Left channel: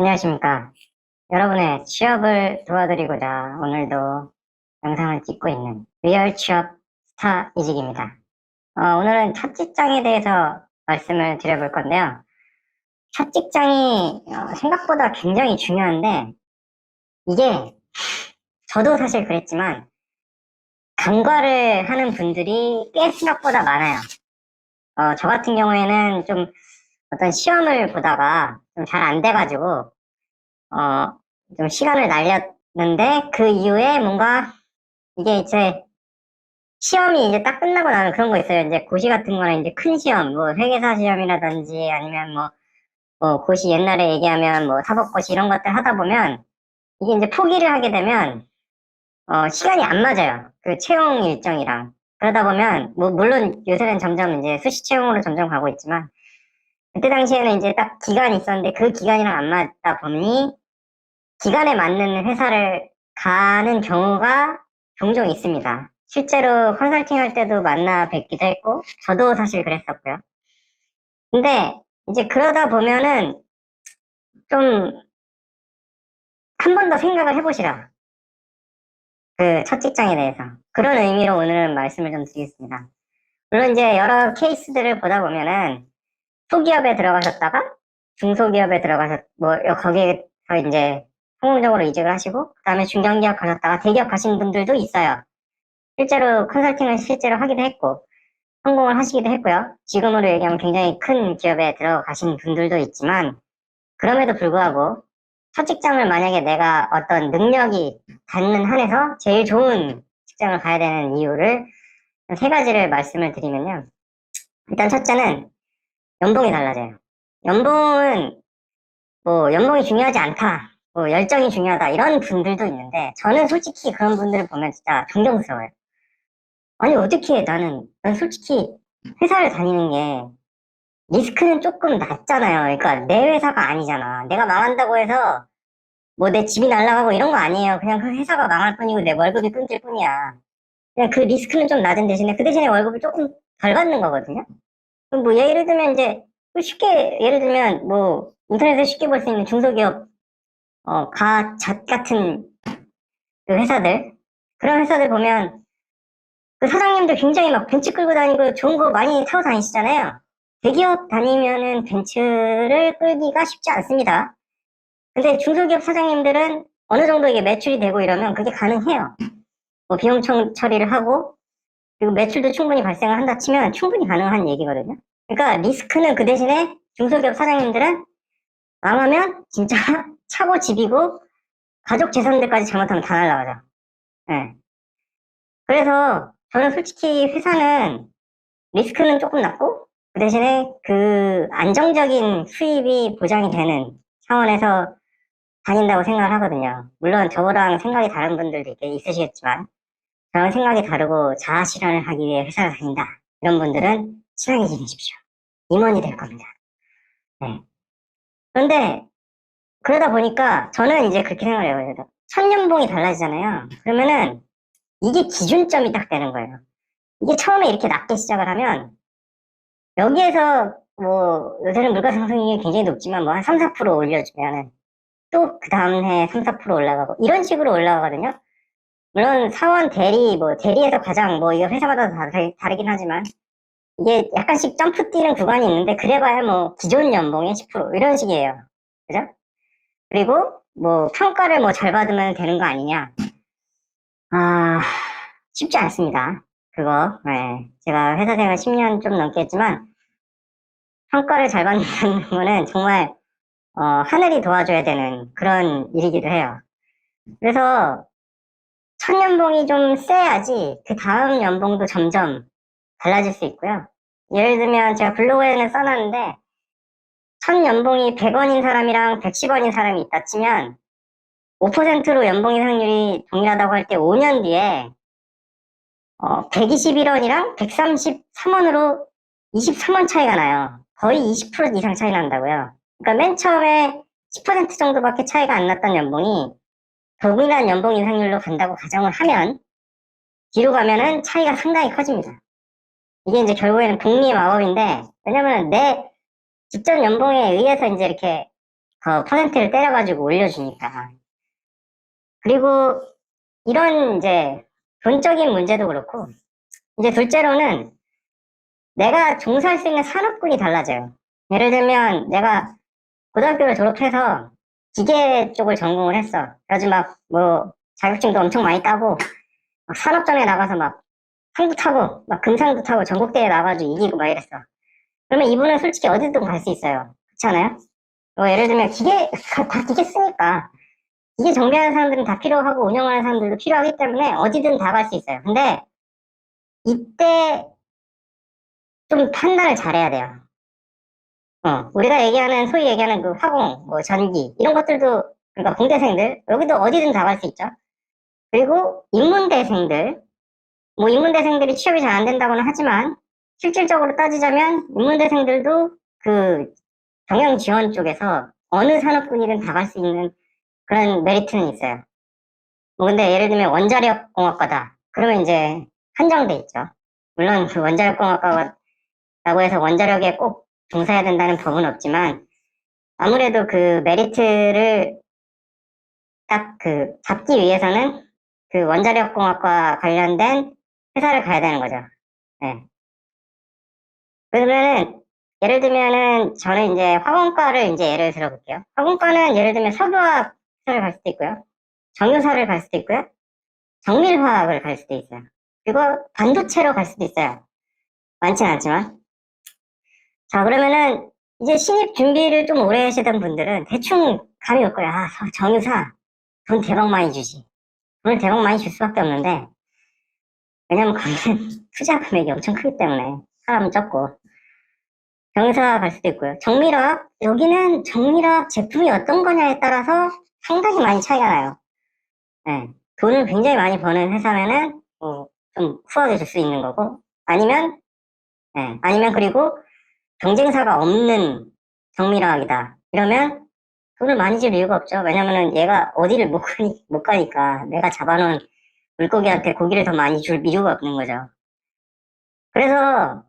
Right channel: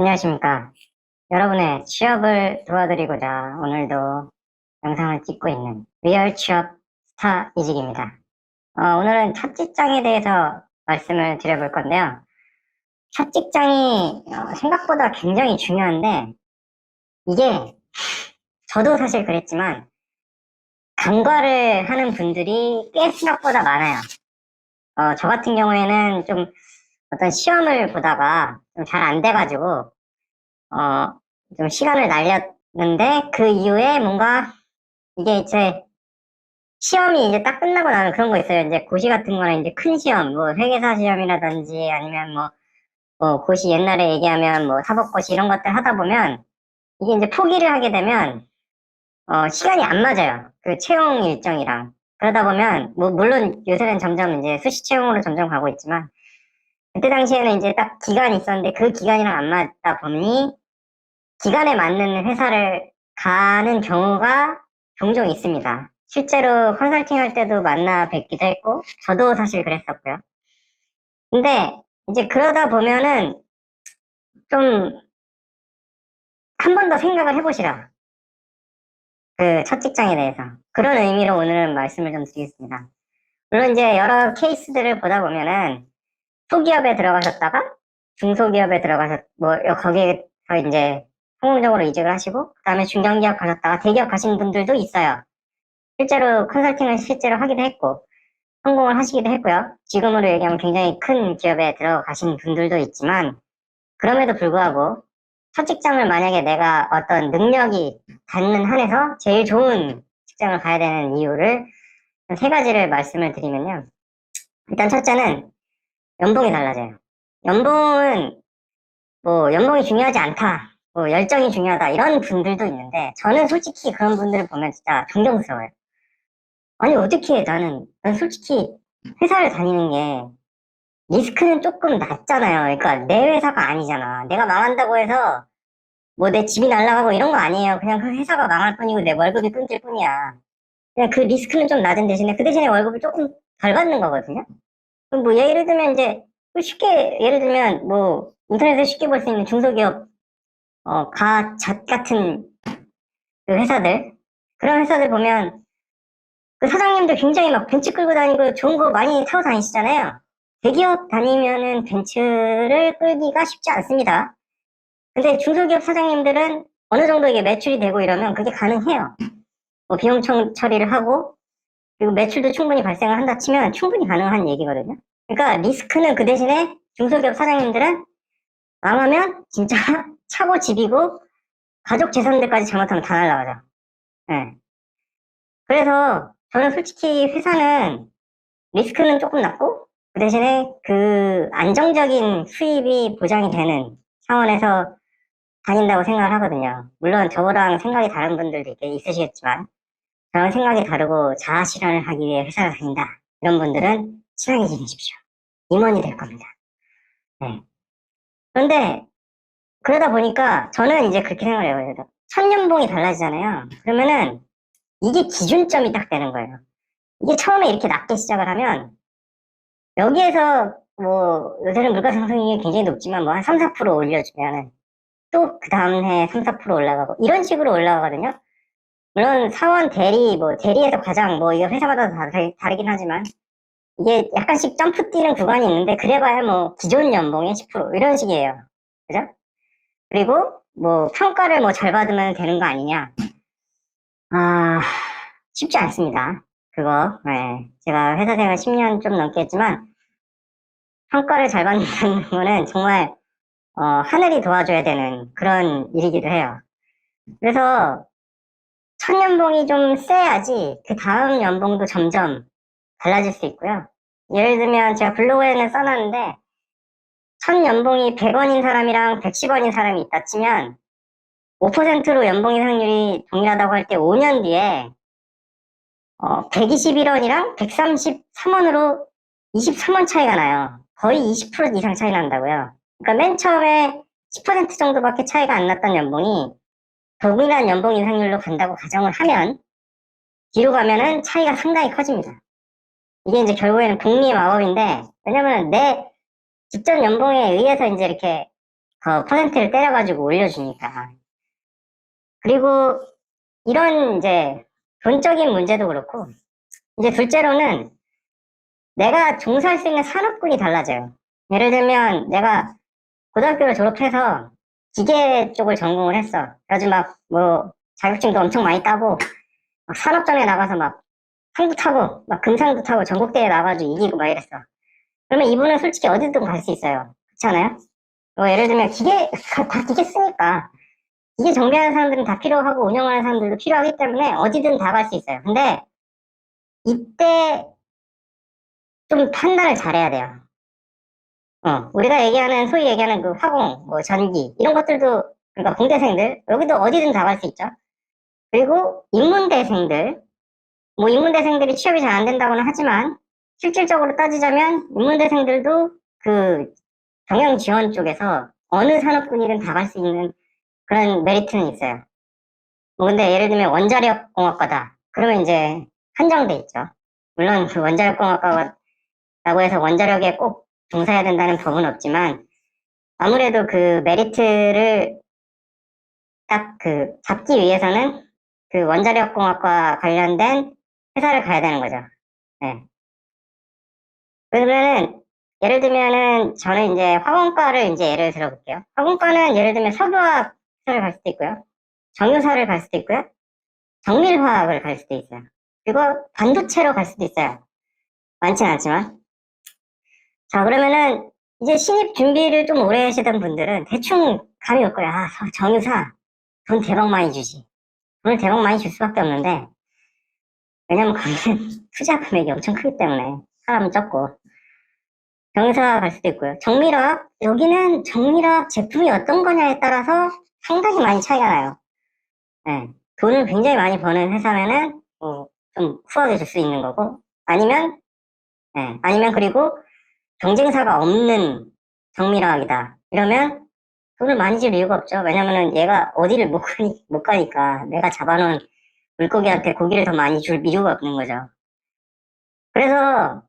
안녕하십니까. 여러분의 취업을 도와드리고자 오늘도 영상을 찍고 있는 리얼 취업 스타 이직입니다. 오늘은 첫 직장에 대해서 말씀을 드려볼 건데요. 첫 직장이 생각보다 굉장히 중요한데, 이게 저도 사실 그랬지만 간과를 하는 분들이 꽤 생각보다 많아요. 저 같은 경우에는 좀 어떤 시험을 보다가 좀 잘 안 돼가지고 좀 시간을 날렸는데, 그 이후에 뭔가 이게 제 시험이 이제 딱 끝나고 나면 그런 거 있어요. 이제 고시 같은 거는 이제 큰 시험, 뭐 회계사 시험이라든지 아니면 뭐 고시 옛날에 얘기하면 뭐 사법고시 이런 것들 하다 보면 이게 이제 포기를 하게 되면 시간이 안 맞아요. 그 채용 일정이랑. 그러다 보면 뭐 물론 요새는 점점 이제 수시 채용으로 점점 가고 있지만, 그때 당시에는 이제 딱 기간이 있었는데 그 기간이랑 안 맞다 보니 기간에 맞는 회사를 가는 경우가 종종 있습니다. 실제로 컨설팅 할 때도 만나 뵙기도 했고, 저도 사실 그랬었고요. 근데 이제 그러다 보면은 좀 한 번 더 생각을 해보시라. 그 첫 직장에 대해서. 그런 의미로 오늘은 말씀을 좀 드리겠습니다. 물론 이제 여러 케이스들을 보다 보면은 소기업에 들어가셨다가 중소기업에 들어가셨, 뭐, 거기에서 이제 성공적으로 이직을 하시고, 그 다음에 중견기업 가셨다가 대기업 가신 분들도 있어요. 실제로 컨설팅을 실제로 하기도 했고 성공을 하시기도 했고요. 지금으로 얘기하면 굉장히 큰 기업에 들어가신 분들도 있지만, 그럼에도 불구하고 첫 직장을 만약에 내가 어떤 능력이 닿는 한에서 제일 좋은 직장을 가야 되는 이유를 세 가지를 말씀을 드리면요. 일단 첫째는 연봉이 달라져요. 연봉은 뭐 연봉이 중요하지 않다, 뭐 열정이 중요하다 이런 분들도 있는데, 저는 솔직히 그런 분들을 보면 진짜 존경스러워요. 아니, 어떻게 난 솔직히 회사를 다니는 게 리스크는 조금 낮잖아요. 그러니까 내 회사가 아니잖아. 내가 망한다고 해서 뭐 내 집이 날아가고 이런 거 아니에요. 그냥 그 회사가 망할 뿐이고 내 월급이 끊길 뿐이야. 그냥 그 리스크는 좀 낮은 대신에 그 대신에 월급을 조금 덜 받는 거거든요. 그럼 뭐 예를 들면 이제 쉽게 예를 들면 뭐 인터넷에 쉽게 볼 수 있는 중소기업 가잣 같은 그 회사들, 그런 회사들 보면 그 사장님들 굉장히 막 벤츠 끌고 다니고 좋은 거 많이 타고 다니시잖아요. 대기업 다니면은 벤츠를 끌기가 쉽지 않습니다. 근데 중소기업 사장님들은 어느 정도 이게 매출이 되고 이러면 그게 가능해요. 뭐 비용 처리를 하고, 그리고 매출도 충분히 발생을 한다 치면 충분히 가능한 얘기거든요. 그러니까 리스크는 그 대신에 중소기업 사장님들은 망하면 진짜 차고 집이고 가족 재산들까지 잘못하면 다 날라가죠. 네. 그래서 저는 솔직히 회사는 리스크는 조금 낮고 그 대신에 그 안정적인 수입이 보장이 되는 차원에서 다닌다고 생각을 하거든요. 물론 저랑 생각이 다른 분들도 있으시겠지만, 저랑 생각이 다르고 자아 실현을 하기 위해 회사를 다닌다, 이런 분들은 친하게 지내십시오. 임원이 될 겁니다. 네. 근데 그러다 보니까 저는 이제 그렇게 생각해요. 첫 연봉이 달라지잖아요. 그러면은 이게 기준점이 딱 되는 거예요. 이게 처음에 이렇게 낮게 시작을 하면 여기에서 요새는 물가 상승이 굉장히 높지만 뭐 한 3, 4% 올려주면은 또 그 다음 해 3, 4% 올라가고 이런 식으로 올라가거든요. 물론 사원 대리, 뭐 대리에서 과장, 뭐 이거 회사마다 다르긴 하지만 이게 약간씩 점프 뛰는 구간이 있는데, 그래봐야 뭐 기존 연봉의 10% 이런 식이에요. 그죠? 그리고 뭐 평가를 뭐 잘 받으면 되는 거 아니냐? 아, 쉽지 않습니다. 그거. 네. 제가 회사 생활 10년 좀 넘게 했지만 평가를 잘 받는 거는 정말 하늘이 도와줘야 되는 그런 일이기도 해요. 그래서 첫 연봉이 좀 세야지 그 다음 연봉도 점점 달라질 수 있고요. 예를 들면 제가 블로그에는 써놨는데, 첫 연봉이 100원인 사람이랑 110원인 사람이 있다 치면 5%로 연봉 인상률이 동일하다고 할 때 5년 뒤에 121원이랑 133원으로 23원 차이가 나요. 거의 20% 이상 차이 난다고요. 그러니까 맨 처음에 10% 정도밖에 차이가 안 났던 연봉이 동일한 연봉 인상률로 간다고 가정을 하면, 뒤로 가면은 차이가 상당히 커집니다. 이게 이제 결국에는 복리의 마법인데, 왜냐면 내 직전 연봉에 의해서 이제 이렇게 더 퍼센트를 때려가지고 올려주니까. 그리고 이런 이제 돈적인 문제도 그렇고, 이제 둘째로는 내가 종사할 수 있는 산업군이 달라져요. 예를 들면 내가 고등학교를 졸업해서 기계 쪽을 전공을 했어. 그래가지고 막 뭐 자격증도 엄청 많이 따고 막 산업전에 나가서 막 상도 타고 막 금상도 타고 전국대회 나가가지고 이기고 막 이랬어. 그러면 이분은 솔직히 어디든 갈 수 있어요. 그렇지 않아요? 예를 들면 기계 다 기계 쓰니까 기계 정비하는 사람들은 다 필요하고 운영하는 사람들도 필요하기 때문에 어디든 다 갈 수 있어요. 근데 이때 좀 판단을 잘해야 돼요. 우리가 얘기하는, 소위 얘기하는 그 화공, 뭐 전기, 이런 것들도, 그러니까 공대생들, 여기도 어디든 다 갈 수 있죠. 그리고 인문대생들, 뭐 인문대생들이 취업이 잘 안 된다고는 하지만, 실질적으로 따지자면, 인문대생들도 그 경영 지원 쪽에서 어느 산업군이든 다 갈 수 있는 그런 메리트는 있어요. 근데 예를 들면 원자력 공학과다. 그러면 이제 한정돼 있죠. 물론 그 원자력 공학과라고 해서 원자력에 꼭 종사해야 된다는 법은 없지만, 아무래도 그 메리트를 딱 그 잡기 위해서는 그 원자력공학과 관련된 회사를 가야 되는 거죠. 네. 그러면은 예를 들면은 저는 이제 화공과를 이제 예를 들어볼게요. 화공과는 예를 들면 석유화학을 갈 수도 있고요. 정유사를 갈 수도 있고요. 정밀화학을 갈 수도 있어요. 그리고 반도체로 갈 수도 있어요. 많진 않지만. 자, 그러면은 이제 신입 준비를 좀 오래 하시던 분들은 대충 감이 올 거야. 아, 정유사 돈 대박 많이 주지. 돈 대박 많이 줄 수밖에 없는데, 왜냐면 거기는 투자 금액이 엄청 크기 때문에 사람 적고 병원생활 갈 수도 있고요. 정밀화학 여기는 정밀화학 제품이 어떤 거냐에 따라서 상당히 많이 차이가 나요. 돈을 굉장히 많이 버는 회사면은 좀 후하게 줄 수 있는 거고 아니면 아니면 그리고 경쟁사가 없는 정밀화학이다 이러면 돈을 많이 줄 이유가 없죠. 왜냐면은 얘가 어디를 못 가니까 내가 잡아놓은 물고기한테 고기를 더 많이 줄 이유가 없는 거죠. 그래서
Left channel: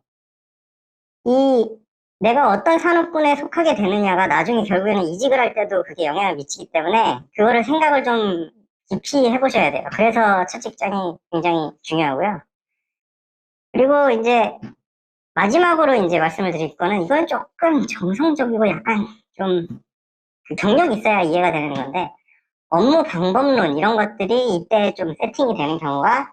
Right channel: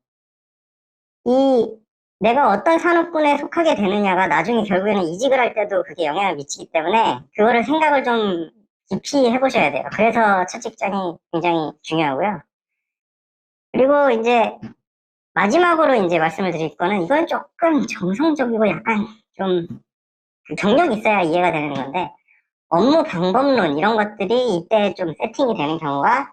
이 내가 어떤 산업군에 속하게 되느냐가 나중에 결국에는 이직을 할 때도 그게 영향을 미치기 때문에 그거를 생각을 좀 깊이 해보셔야 돼요. 그래서 첫 직장이 굉장히 중요하고요. 그리고 이제 마지막으로 이제 말씀을 드릴 거는 이건 조금 정성적이고 약간 좀 경력 있어야 이해가 되는 건데 업무 방법론 이런 것들이 이때 좀 세팅이 되는 경우가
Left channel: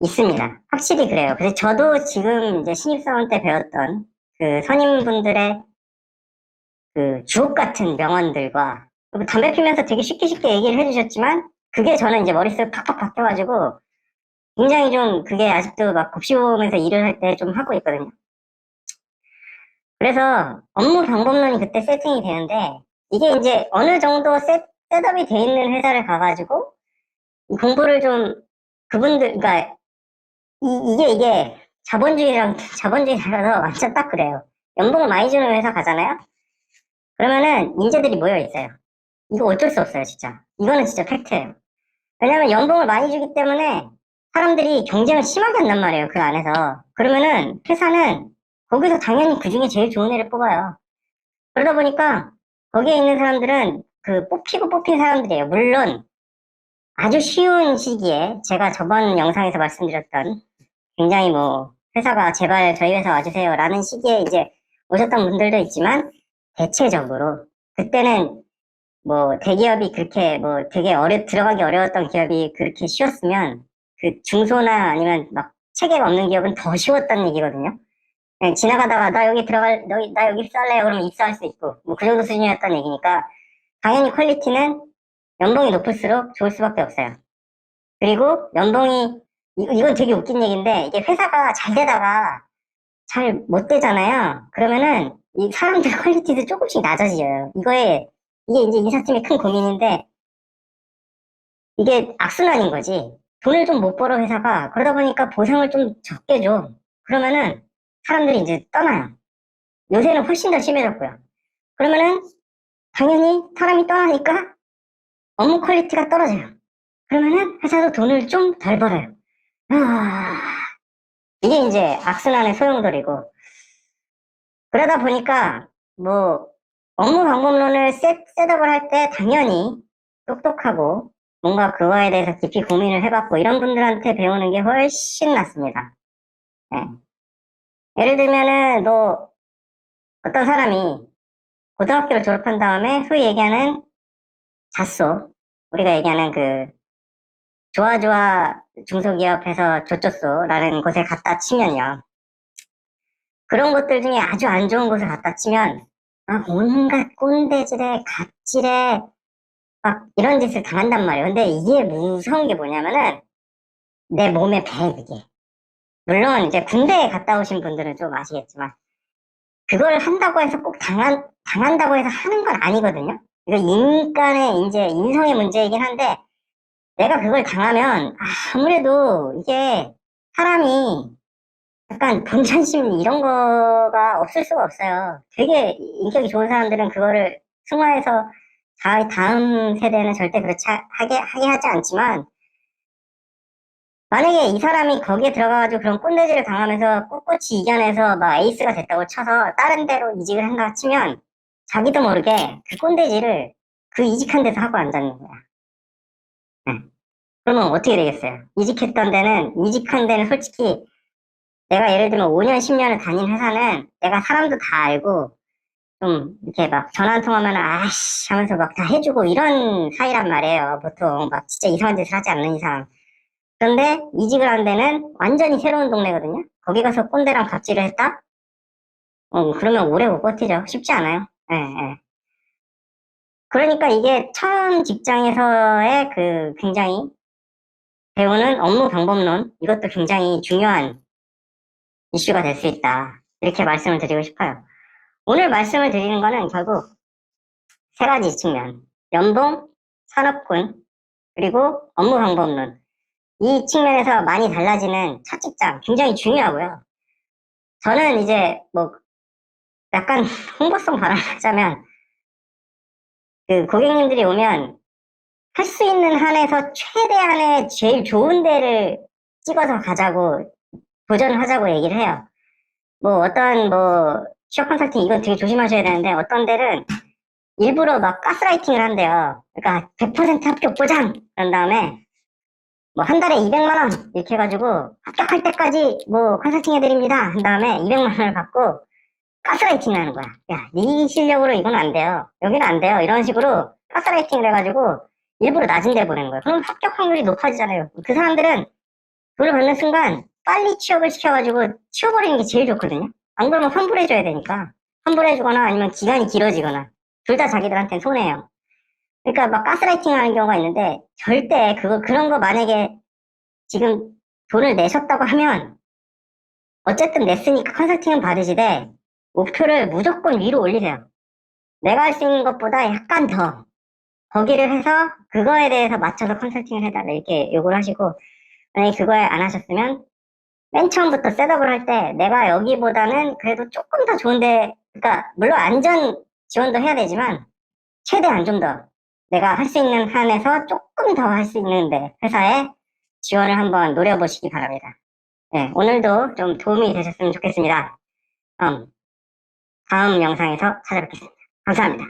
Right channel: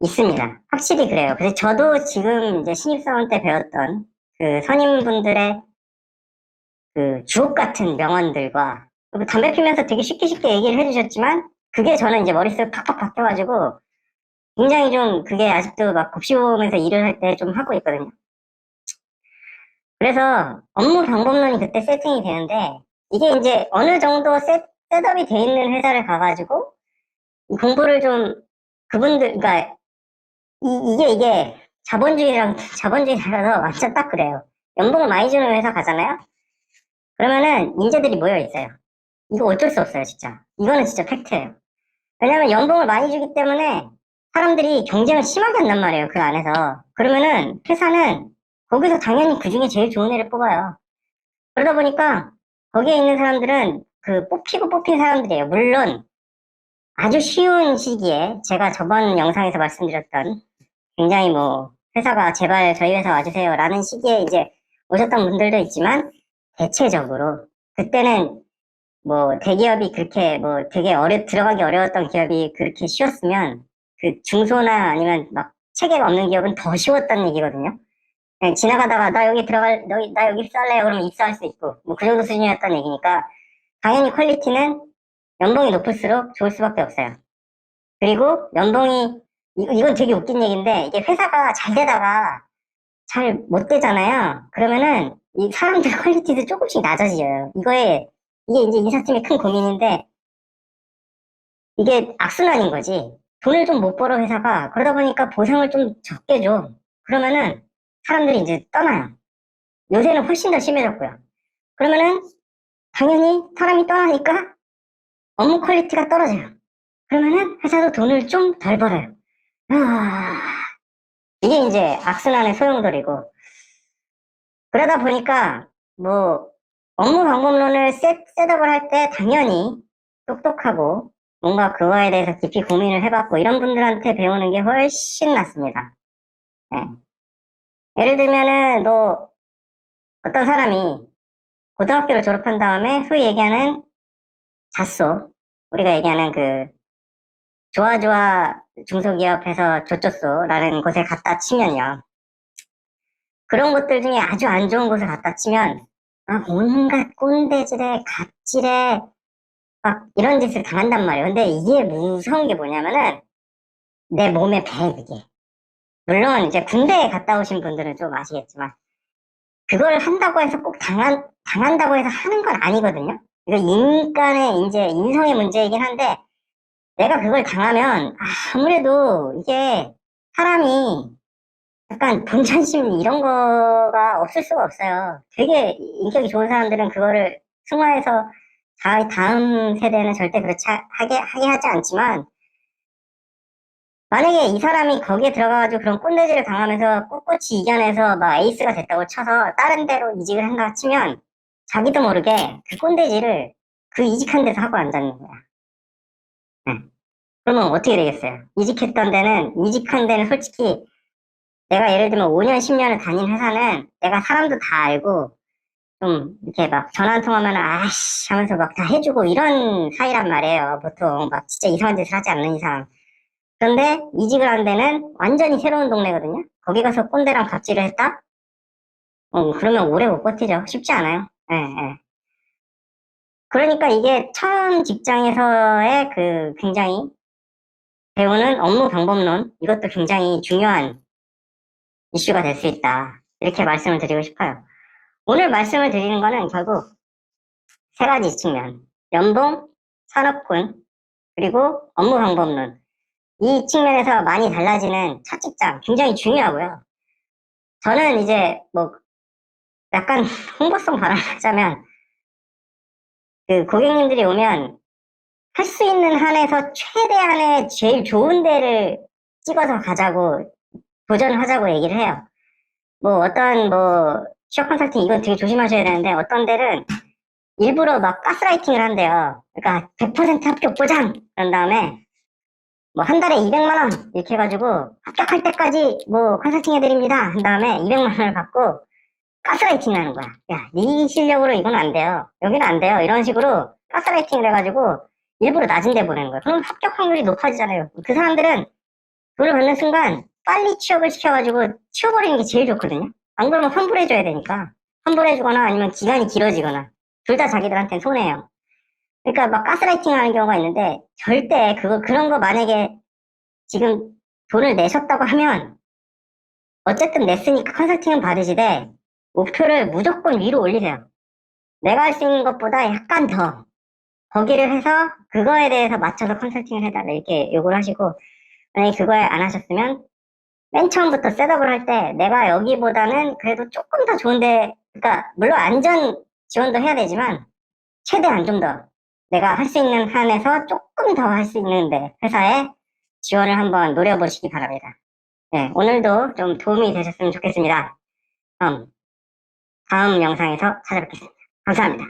있습니다. 확실히 그래요. 그래서 저도 지금 이제 신입사원 때 배웠던 그 선임분들의 그 주옥 같은 명언들과 담배 피면서 되게 쉽게 쉽게 얘기를 해주셨지만 그게 저는 이제 머릿속에 팍팍 박혀가지고 굉장히 좀 그게 아직도 막 곱씹으면서 일을 할 때 좀 하고 있거든요. 그래서 업무 방법론이 그때 세팅이 되는데 이게 이제 어느 정도 셋업이 돼 있는 회사를 가가지고 공부를 좀 그분들 그러니까 이게 자본주의 달라서 완전 딱 그래요. 연봉을 많이 주는 회사 가잖아요. 그러면은 인재들이 모여 있어요. 이거 어쩔 수 없어요, 진짜. 이거는 진짜 팩트예요. 왜냐면 연봉을 많이 주기 때문에 사람들이 경쟁을 심하게 한단 말이에요, 그 안에서. 그러면은 회사는 거기서 당연히 그 중에 제일 좋은 애를 뽑아요. 그러다 보니까 거기에 있는 사람들은 그 뽑히고 뽑힌 사람들이에요. 물론 아주 쉬운 시기에 제가 저번 영상에서 말씀드렸던 굉장히 뭐 회사가 제발 저희 회사 와주세요라는 시기에 이제 오셨던 분들도 있지만 대체적으로 그때는 뭐 대기업이 그렇게 뭐 되게 들어가기 어려웠던 기업이 그렇게 쉬웠으면 그 중소나 아니면 막 체계가 없는 기업은 더 쉬웠던 얘기거든요. 그냥 지나가다가 나 여기 입사할래요 그러면 입사할 수 있고 뭐 그 정도 수준이었던 얘기니까 당연히 퀄리티는 연봉이 높을수록 좋을 수밖에 없어요. 그리고 연봉이 이건 되게 웃긴 얘기인데 이게 회사가 잘 되다가 잘 못 되잖아요. 그러면은 이 사람들 퀄리티도 조금씩 낮아져요. 이게 이제 인사팀의 큰 고민인데 이게 악순환인 거지. 돈을 좀 못 벌어 회사가 그러다 보니까 보상을 좀 적게 줘. 그러면은 사람들이 이제 떠나요. 요새는 훨씬 더 심해졌고요. 그러면은 당연히 사람이 떠나니까 업무 퀄리티가 떨어져요. 그러면은 회사도 돈을 좀 덜 벌어요. 아, 이게 이제 악순환의 소용돌이고 그러다 보니까 뭐 업무 방법론을 셋업을 할 때 당연히 똑똑하고 뭔가 그거에 대해서 깊이 고민을 해봤고 이런 분들한테 배우는 게 훨씬 낫습니다. 네. 예를 들면은 너 어떤 사람이 고등학교를 졸업한 다음에 소위 얘기하는 잣소, 우리가 얘기하는 그 좋아좋아 중소기업에서 조조소라는 곳에 갖다 치면요. 그런 것들 중에 아주 안 좋은 곳에 갖다 치면 온갖 꼰대질에 갑질에 막 이런 짓을 당한단 말이에요. 근데 이게 무서운 게 뭐냐면은 내 몸에 배 그게. 물론 이제 군대에 갔다 오신 분들은 좀 아시겠지만 그걸 한다고 해서 꼭 당한다고 해서 하는 건 아니거든요. 이거 인간의 이제 인성의 문제이긴 한데 내가 그걸 당하면 아무래도 이게 사람이 약간 경찬심 이런 거가 없을 수가 없어요. 되게 인격이 좋은 사람들은 그거를 승화해서 자기 다음 세대는 절대 그렇지 하게 하지 않지만 만약에 이 사람이 거기에 들어가가지고 그런 꼰대질을 당하면서 꿋꿋이 이겨내서 막 에이스가 됐다고 쳐서 다른 데로 이직을 한다 치면 자기도 모르게 그 꼰대질을 그 이직한 데서 하고 앉았는 거야. 그러면 어떻게 되겠어요? 이직한 데는 솔직히 내가 예를 들면 5년, 10년을 다닌 회사는 내가 사람도 다 알고 좀 이렇게 막 전화 한 통하면 아씨 하면서 막 다 해주고 이런 사이란 말이에요. 보통 막 진짜 이상한 짓을 하지 않는 이상. 그런데 이직을 한 데는 완전히 새로운 동네거든요. 거기 가서 꼰대랑 갑질을 했다? 그러면 오래 못 버티죠. 쉽지 않아요. 네, 네. 그러니까 이게 처음 직장에서의 그 굉장히 배우는 업무 방법론, 이것도 굉장히 중요한 이슈가 될 수 있다. 이렇게 말씀을 드리고 싶어요. 오늘 말씀을 드리는 거는 결국 세 가지 측면. 연봉, 산업군, 그리고 업무 방법론. 이 측면에서 많이 달라지는 첫 직장. 굉장히 중요하고요. 저는 이제 뭐 약간 홍보성 발언하자면 그 고객님들이 오면 할 수 있는 한에서 최대한의 제일 좋은 데를 찍어서 가자고 도전을 하자고 얘기를 해요. 뭐 어떤 뭐 취업 컨설팅 이건 되게 조심하셔야 되는데 어떤 데는 일부러 막 가스라이팅을 한대요. 그러니까 100% 합격 보장! 그런 다음에 뭐 한 달에 200만 원 이렇게 해가지고 합격할 때까지 뭐 컨설팅 해드립니다. 한 다음에 200만 원을 받고 가스라이팅 하는 거야. 야, 네 실력으로 이건 안 돼요. 여기는 안 돼요. 이런 식으로 가스라이팅을 해가지고 일부러 낮은 데 보내는 거예요. 그럼 합격 확률이 높아지잖아요. 그 사람들은 돈을 받는 순간 빨리 취업을 시켜가지고 치워버리는 게 제일 좋거든요. 안 그러면 환불해줘야 되니까. 환불해주거나 아니면 기간이 길어지거나. 둘 다 자기들한테 손해예요. 그러니까 막 가스라이팅 하는 경우가 있는데 절대 그런 거 만약에 지금 돈을 내셨다고 하면 어쨌든 냈으니까 컨설팅은 받으시되 목표를 무조건 위로 올리세요. 내가 할 수 있는 것보다 약간 더 거기를 해서 그거에 대해서 맞춰서 컨설팅을 해달라 이렇게 요구를 하시고 만약에 그거에 안 하셨으면 맨 처음부터 셋업을 할 때 내가 여기보다는 그래도 조금 더 좋은데 그러니까 물론 안전 지원도 해야 되지만 최대한 좀 더 내가 할 수 있는 한에서 조금 더 할 수 있는데 회사에 지원을 한번 노려보시기 바랍니다. 네, 오늘도 좀 도움이 되셨으면 좋겠습니다. 다음 영상에서 찾아뵙겠습니다. 감사합니다.